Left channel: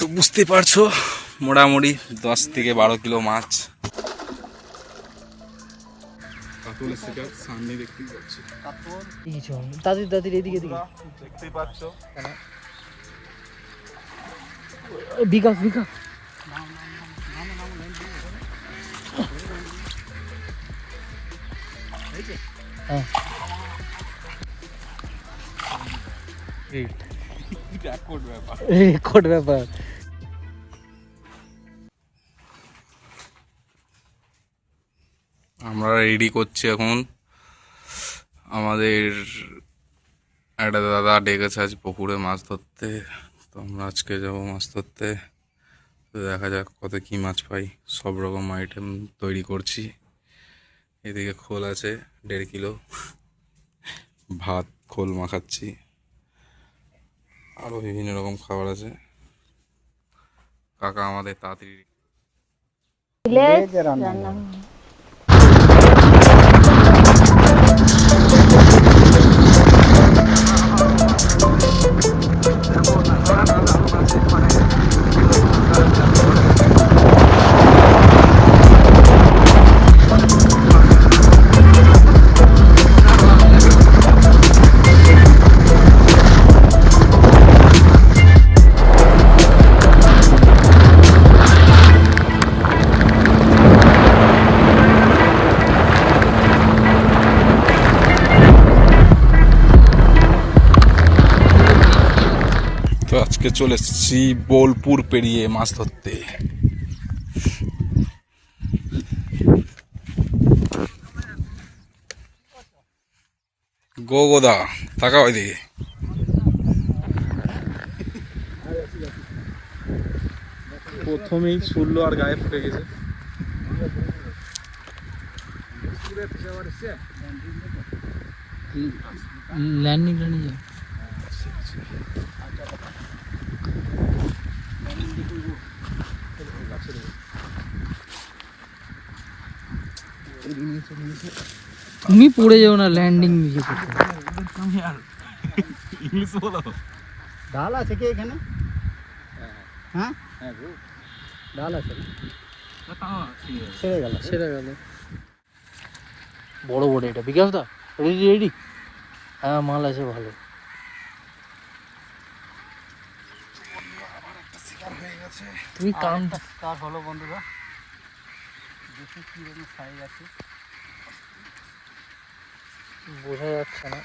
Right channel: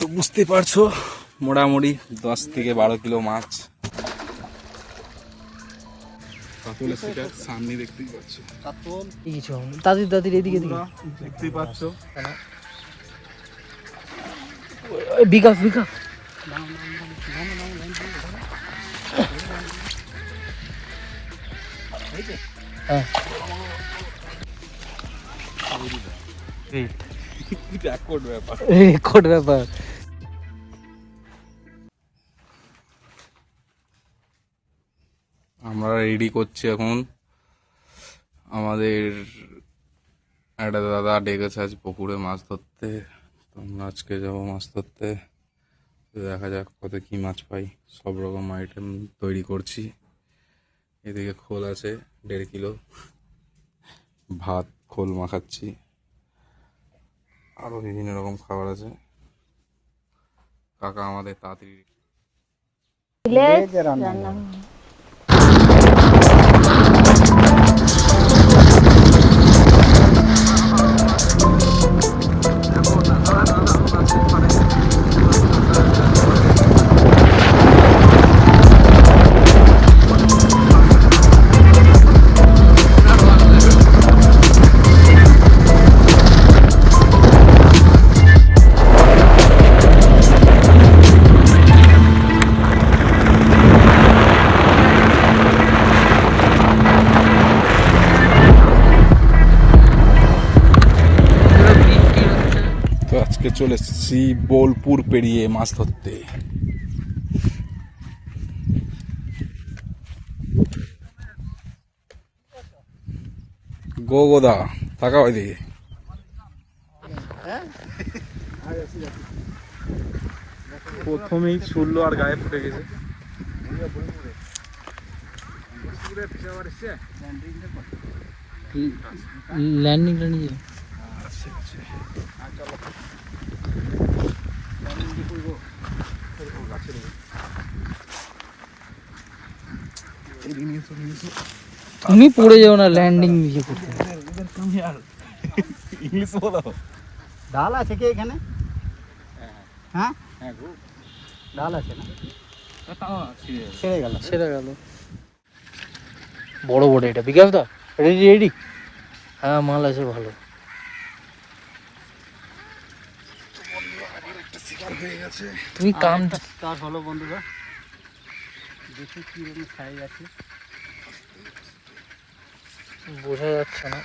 তো বুঝতে পারছো মোটামুটি 10 থেকে 12 কিলো মাছ। কাতলের শিকার সামনে দেখতেই পাচ্ছ, দাদির দাদির এদিকে দেখতেই পাচ্ছ। বিকাশ বিকাশ হ্যাঁ রেকর্ড ব্যাপার। আমরা রেডি করছি এখন। আমাদের একটা দাদা ডেকেছে আজ পুকুরে মাছ ধরতে, তো আমরা আজকে যাবো মাছ ধরতে। তো দেখা যাক কত কি মাছ পাই। সব রকম আইটেম তৈরি করছি। এদিকে খোল আছে 1.5 কিলো, ভাত খোল মাখাচ্ছি, আরও বিভিন্ন রকম খাবার আছে। কাকা আমাদের তাড়াতাড়ি রান্না তো আজকে চলে এসেছি বোলপুর পেরিয়ে মাছ ধরতে। গোদা তাকাও ওইদিকে। প্রথমেই ছুড়লো আর গায়ে ফুটে গেছে। ল্যান্ডিং তুমি পড়ে যাও না, ল্যান্ডিং নিজে করতে। ইংলিশ বলো। ডাল আছে কি এখানে? হ্যাঁ ডাল আছে না? সেটা গেল বড় বড়। এটা বিকাশ দা রেডি রেডি? হ্যাঁ মাল আছে ভালো। তুমি কাম স্টার্ট হলো বন্ধুরা, দেখি কি রকম সাইজ আছে। বোঝা যাচ্ছে না।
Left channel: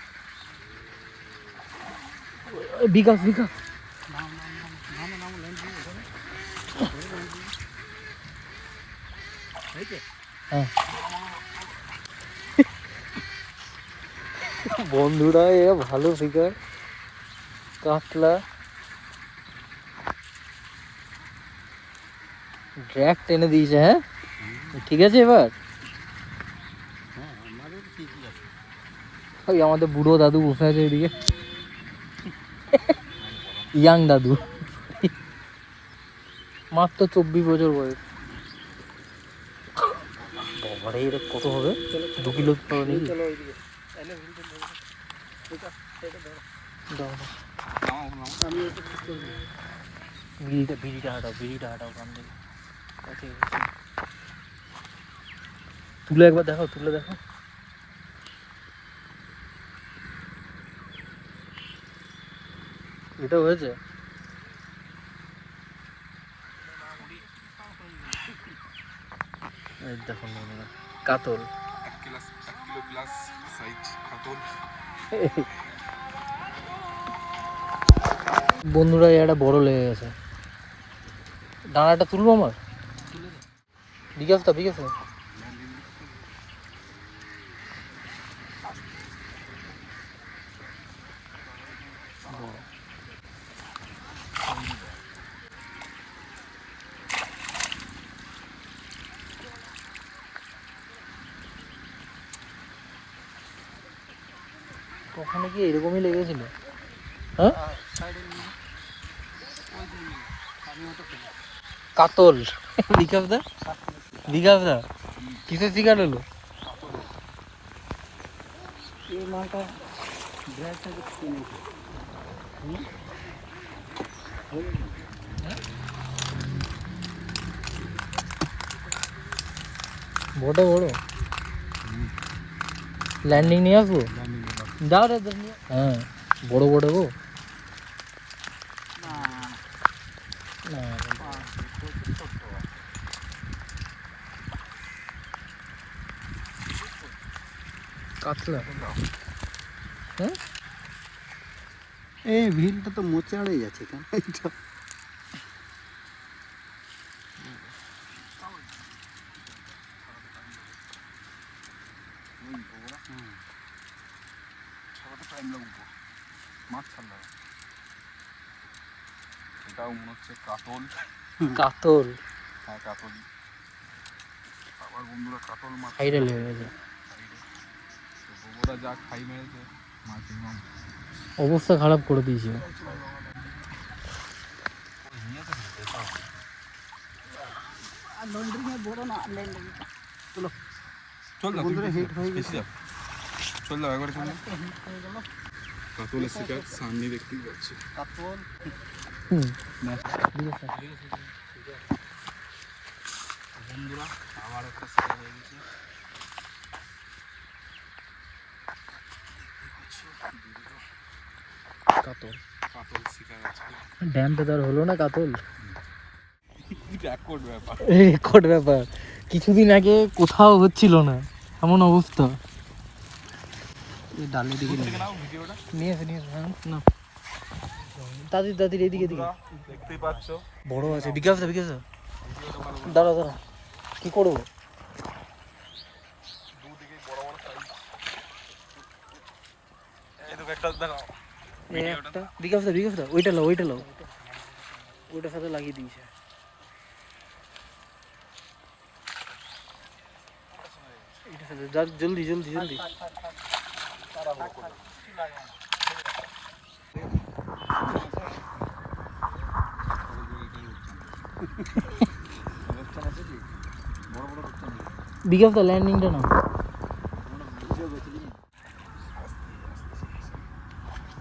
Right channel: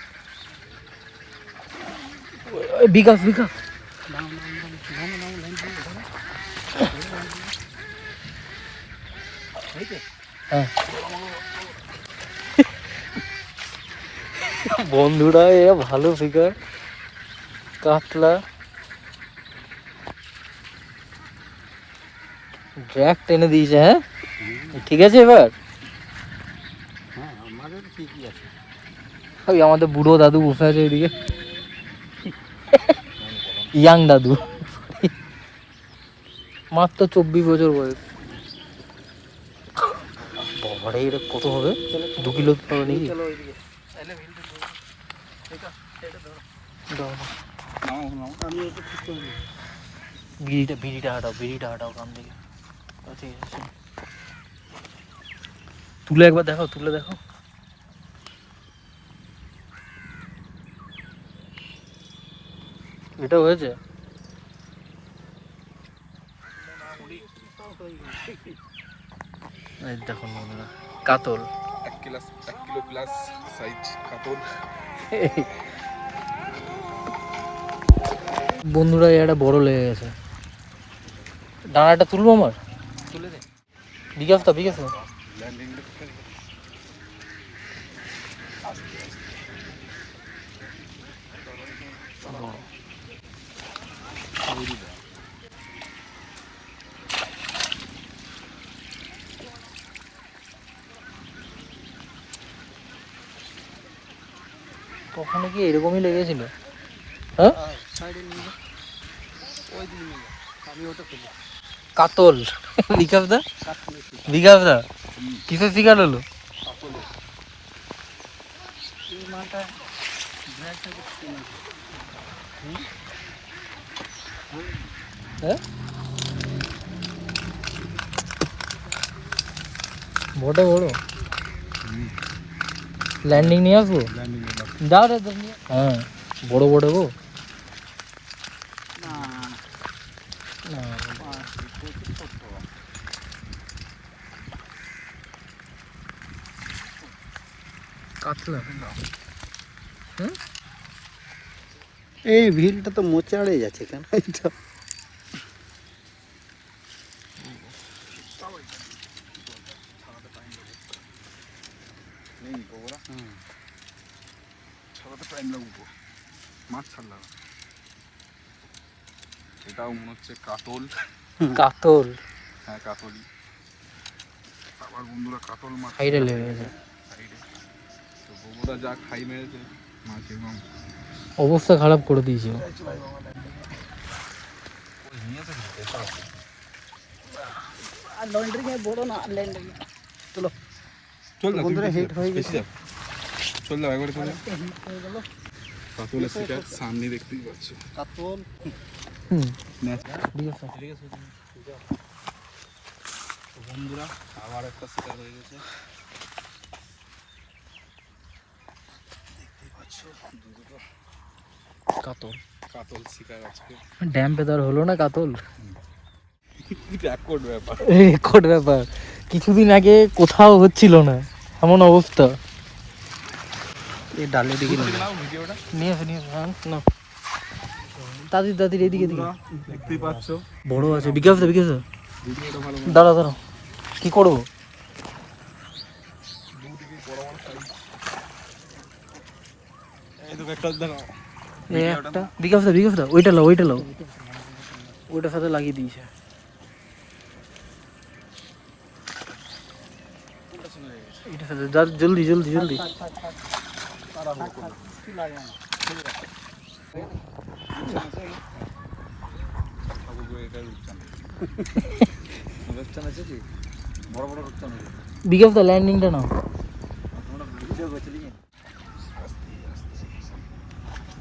বিকাশ বিকাশ হ্যাঁ বন্ধুরা এ ভালো ফিগার কাতলা ড্র্যাগ টেনে দিয়েছে। হ্যাঁ ঠিক আছে এবার। হ্যাঁ আমাদের ঠিকই আছে। ওই আমাদের বুড়ো দাদু বসে আছে এদিকে, ইয়াং দাদু, মাত্র 24 বছর বয়স। বাবারে এটা কত হবে? 2 কিলো পাবে নাকি? বিড়িটা হাটাও কাম দিকে। তুলে একবার দেখাও, তুলে দেখো। এটা হয়েছে দেখুন কাতল 1 কিলো প্লাস সাইজ কাতল। বন্ধুরা এটা বড় লেগে গেছে। ডানাটা তুলবো আমার, তুলে দে। বিকাশ দা বিকাশ দা কখনো কি এরকমই লেগেছিল? হ্যাঁ কাতল। বিকাশ দা কিসের শিকার হলো? এই মালটা হ্যাঁ বটে বড় ল্যান্ডিং নিয়ে আসবো দাও দাও হ্যাঁ বড় বড় গো কাতলা হ্যাঁ এই ভিলটা তো মোচাড়ে যাচ্ছে কেন এটা মাছ ছাড়লাম এটাও মনে হচ্ছে কাতল কাতল হ্যাঁ কাতলই আবার বন্ধুরা কাতল মাছ হাইরে লেগে গেছে তো বন্ধুরা যা খাই মেরেছে মাছ এবং অবস্থা খারাপ করে দিয়েছে লন্ড্রি में বড় না ল্যান্ডিং চলো চল না বন্ধুরা হিট হয়ে গেছে চল দাও একবারে চল কাতলের শিকার সামনে দেখতেই পাচ্ছ কাতল বন্ধুরা আবার একটা শিকার হয়ে গেছে দেখতেই পাচ্ছ দুটো কাতল কাতল শিকার আজকে ড্যাম পেদার হলো না কাতল রেকর্ড ব্যাপার রেকর্ড ব্যাপার কিছুদিন আগে কোথাও হচ্ছিল না এমন অবস্থা এই ডালে দিকে ভিডিওটা নিয়ে এসে হ্যাঁ না দাদির দাদির এদিকে দিকে দেখতেই পাচ্ছ বড় আছে বিকাশ দা ভিডিওটা ভালো দাঁড়া দাঁড়া কি করবো একটা দেখো একটা বিকাশ দা ওইটা লাও ওইটার সাথে লাগিয়ে দিয়েছে এটার সাথে জলদি বিকাশ দা ল্যান্ডিংটা না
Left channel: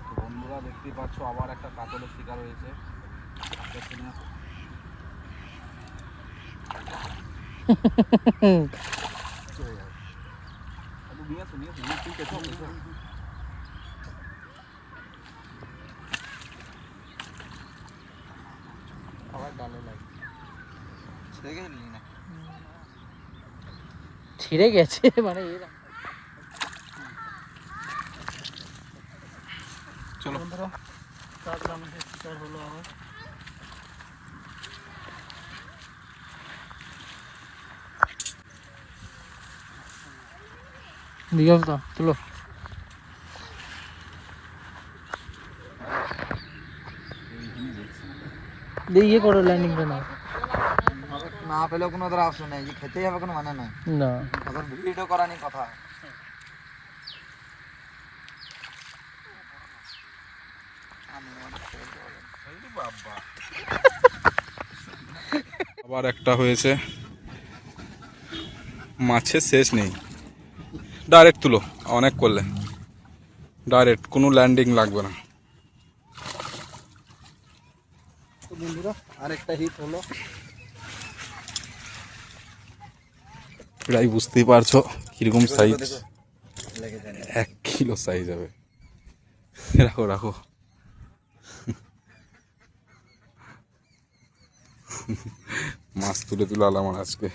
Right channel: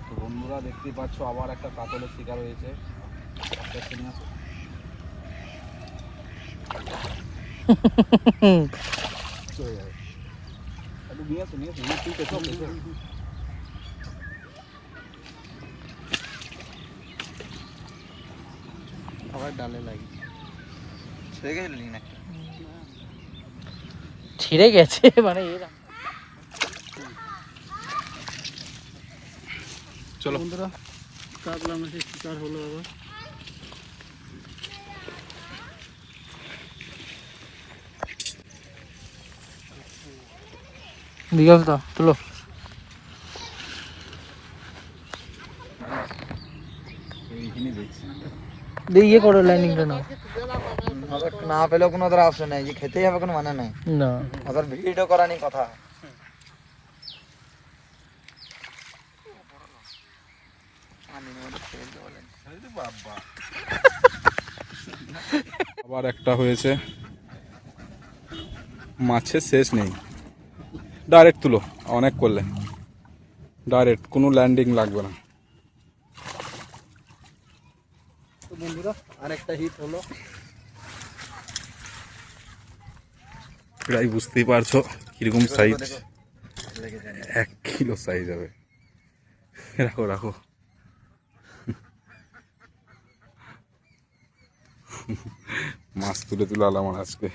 তো বন্ধুরা দেখতেই পাচ্ছ আবার একটা কাতলের শিকার হয়েছে আবার ডালে লাগি ছেড়ে গেলি না ছিঁড়ে গেছে মানে এরা চলো বন্ধুরা কাতলা মাছের শিকার হলো আবার বিকাশ দা চলো ইয়ে করো ল্যান্ডিংটা না না পেলেও কোনো ওদের অপশন নেই যে খেতেই হবে কোনো মানে নাই না ওদের ভিডিও করা নিয়ে কথা আবার একটা হয়েছে মাছের শেষ নেই ডাইরেক্ট তুলো অনেক করলে ডাইরেক্ট কোনো ল্যান্ডিং লাগবে না বন্ধুরা আরেকটা হিট হলো প্রায় বুঝতেই পারছো কিরকম সাইজ 1 কিলো সাইজ হবে রাখো রাখো মাছ তুলে তুলে আলাম আজকে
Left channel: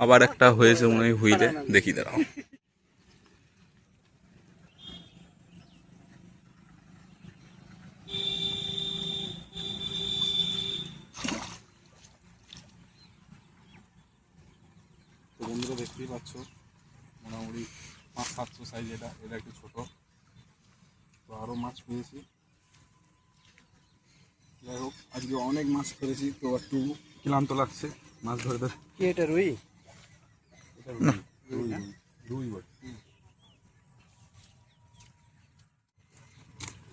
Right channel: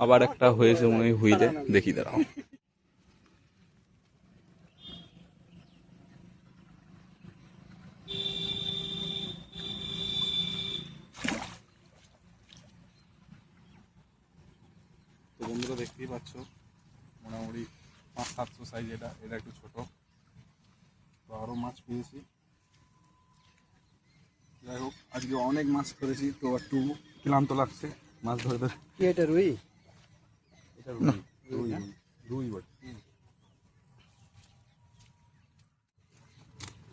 আবার একটা হয়েছে মনে হয় হুইলে দেখি দাঁড়াও বন্ধুরা দেখতেই পাচ্ছ মোটামুটি 500-700 সাইজ এটা একটু ছোট তো আরো মাছ পেয়েছি যাই হোক আজকে অনেক মাছ ধরেছি তো একটু ক্লান্ত লাগছে মাছ ধরে ধরে কি এটা রুই এটা রুই রুই বটে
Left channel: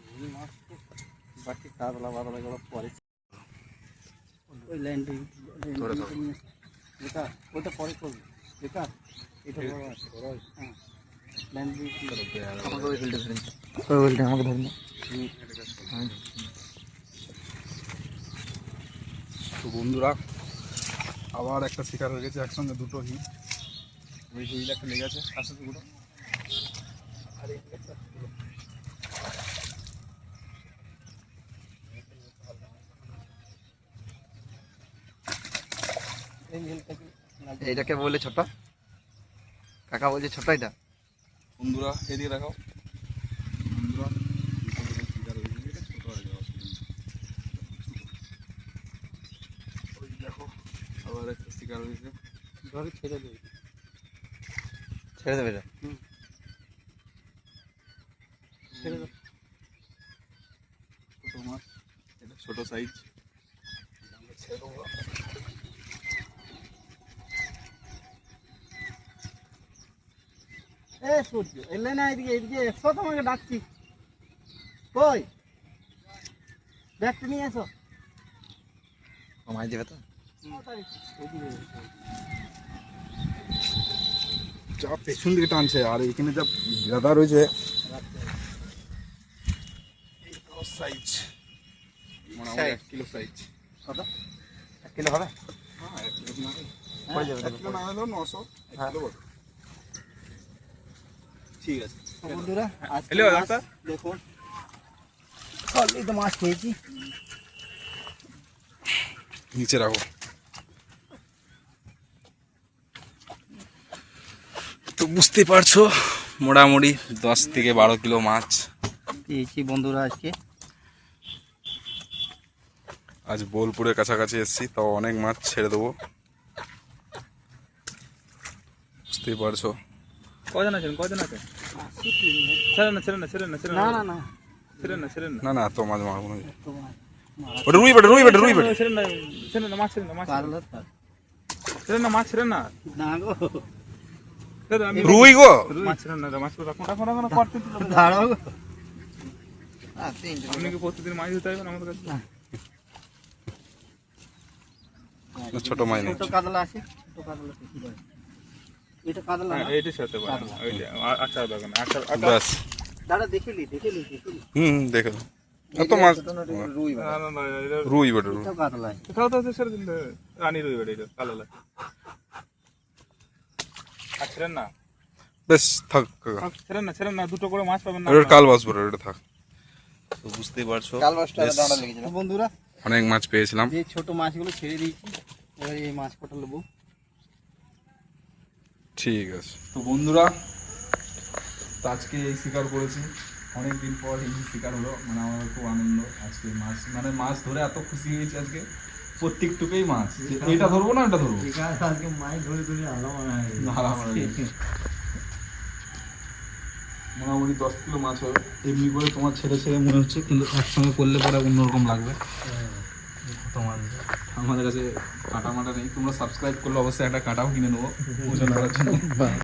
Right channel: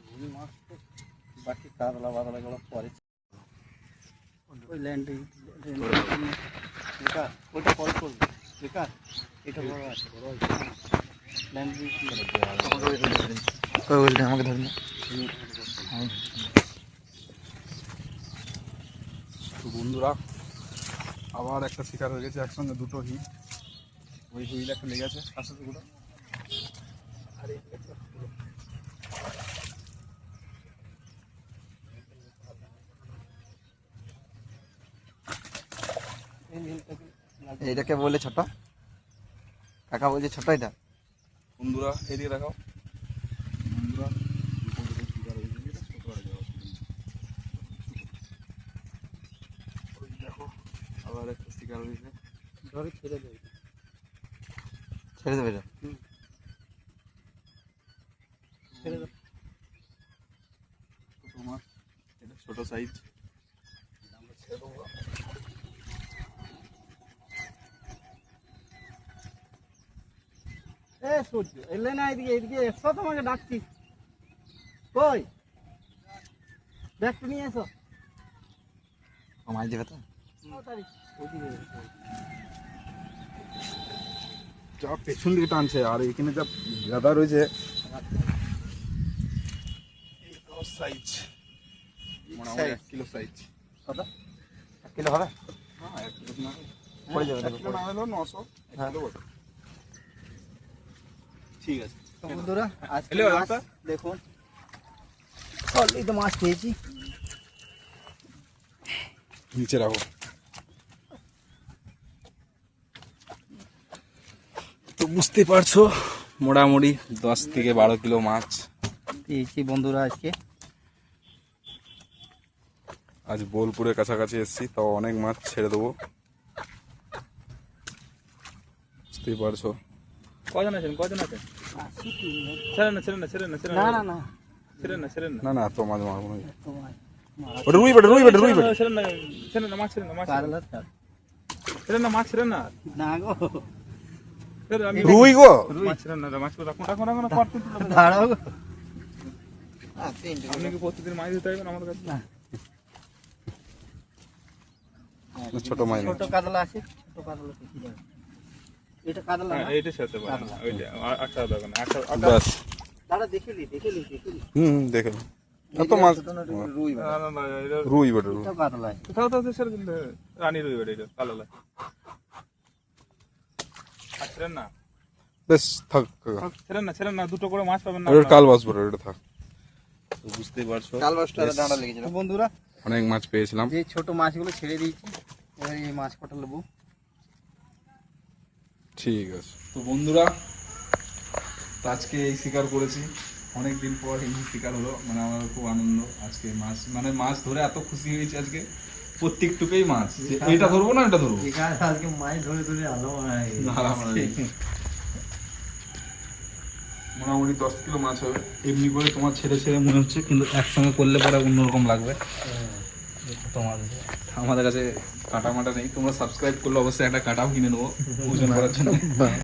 রুই মাছ তো বাকি কাতলা বাতলা গুলো পরে ওই ল্যান্ডিং এটা ওটা পরে করবে বেকার এটা বড় আছে বড় ল্যান্ডিং ওইটা আমাকে ধরে না তো বন্ধুরা আবার একটা শিকার হয়ে গেছে একসঙ্গে দুটো হিট। ওই হুইল একটা লেগেছে আসে দুটো, আর এই একটা পুরো। এইটাকে বলে ছোট, কাকা বলছে ছোট এটা। বন্ধুরা এদিকে দেখাও, বন্ধুরা শিকার হয়ে গেছে, এটা ছোট হয়ে যাওয়া। ওই দেখো আবার একটা শিকার হয়েছে। ধরে ছেড়ে দেবে, ছেড়ে দেবে এটা। ছেড়ে দেবে ছোট মাছ, এটা ছোট সাইজ। আমরা ছেড়ে দেবো। এ সূর্য এলে না, এদিকে এদিকে এসো, তোমাকে ডাকছি। কই ব্যাগটা নিয়ে এসো। কমাই দেবে তো। যা পেছন দিকে টানছে, আর এখানে যা গাদা রয়েছে সাইজ মোটামুটি 1 কিলো সাইজ। কত? 1 কিলো হবে? হ্যাঁ 1 কিলো না পড়ে যাবে, 1 কিলো না হলেও 900 1 কিলো বটে। ঠিক আছে বন্ধুরা আজকে এলো মাছ একটা? দেখুন, অলরেডি তো মাছ পেয়েছি। নিচে রাখো। তো বুঝতে পারছো মোটামুটি 10 থেকে 12 কিলো মাছ পেয়েছি বন্ধুরা আজকে। আজ বোলপুরের কাছাকাছি এসেছি, তাও অনেক মাছ ছেড়ে দেবো। বুঝতেই পারছো। কজন আছেন ছেড়েন না ছেড়েন না ছেড়েন না ছেড়েন না না না না ছেড়েন না ছেড়েন না না না এত মাছ মারবো না। তোমার ওটা রুই বেটে, রুই বেটে, রুই বেটে। ছেড়েন না ছেড়েন না মাছ ছেড়েন না মাছ কারণ আছে ছেড়েন না মাছ ছেড়েন না না গো, ছেড়েন আমি রুই গো, মাছ ছেড়েন না মাছ রাখুন রাখুন রাখুন করতে দাঁড়াও গো। আপনি কি প্রতিদিন মাছ দিতে হবে আমাদের কাছে ছোট মাছ নেই। ছোট কাতলা আছে, ছোট কাতলা কি বলে? এটা কাতলা না? এইটা সাথে পারেন ওইটা আচ্ছা দেখেন আচ্ছা ব্যাস। দাঁড়া দেখিলি। দেখো এত মাছ। রুই না না না এটা রুই বেটে, রুই। এটা কাতলা। কোথাও তো ছেড়ে দিন রানী রই বেড়ে এটা কালো লাগে আর ছেড়েন না বেশ থাক কাকা। ছেড়েন না দুটো করে মাছ পাবেন না ওটা কাল বাসবো, ওটা থাক। তো বুঝতেই পারছো কালবাসটা বেশ দাঁড়া লেগেছিল। বন্ধুরা অনেক মাছ পেয়েছিলাম। যে ছোট মাছগুলো ছেড়ে দিয়েছি, এবার এই মাছ কটা নেবো। ঠিক আছে। তো বন্ধুরা আজকে এই শিকার করেছি, অনেক দিন পর এই শিকার হলো, মানে আমার খুব আনন্দ। আজকে মাছ মানে মাছ ধরে এত খুশি হয়েছি আজকে, প্রত্যেকটুকুই মাছ। এটা ধরবো না এটা ধরবো, কালকে মাছ ধরে আলো মোটামুটি 10 কিলো মাছ হবে। এমনি করে তোমার ছেড়ে ছেড়ে মনে হচ্ছে, কিন্তু একসঙ্গে করলে পরে অন্যরকম লাগবে। তোমার আমাদের কাছে কাটা মাটা নেই, তোমরা সাবস্ক্রাইব করলে অবশ্যই একটা কাটাও কিনে নেবো ওজন করার জন্য।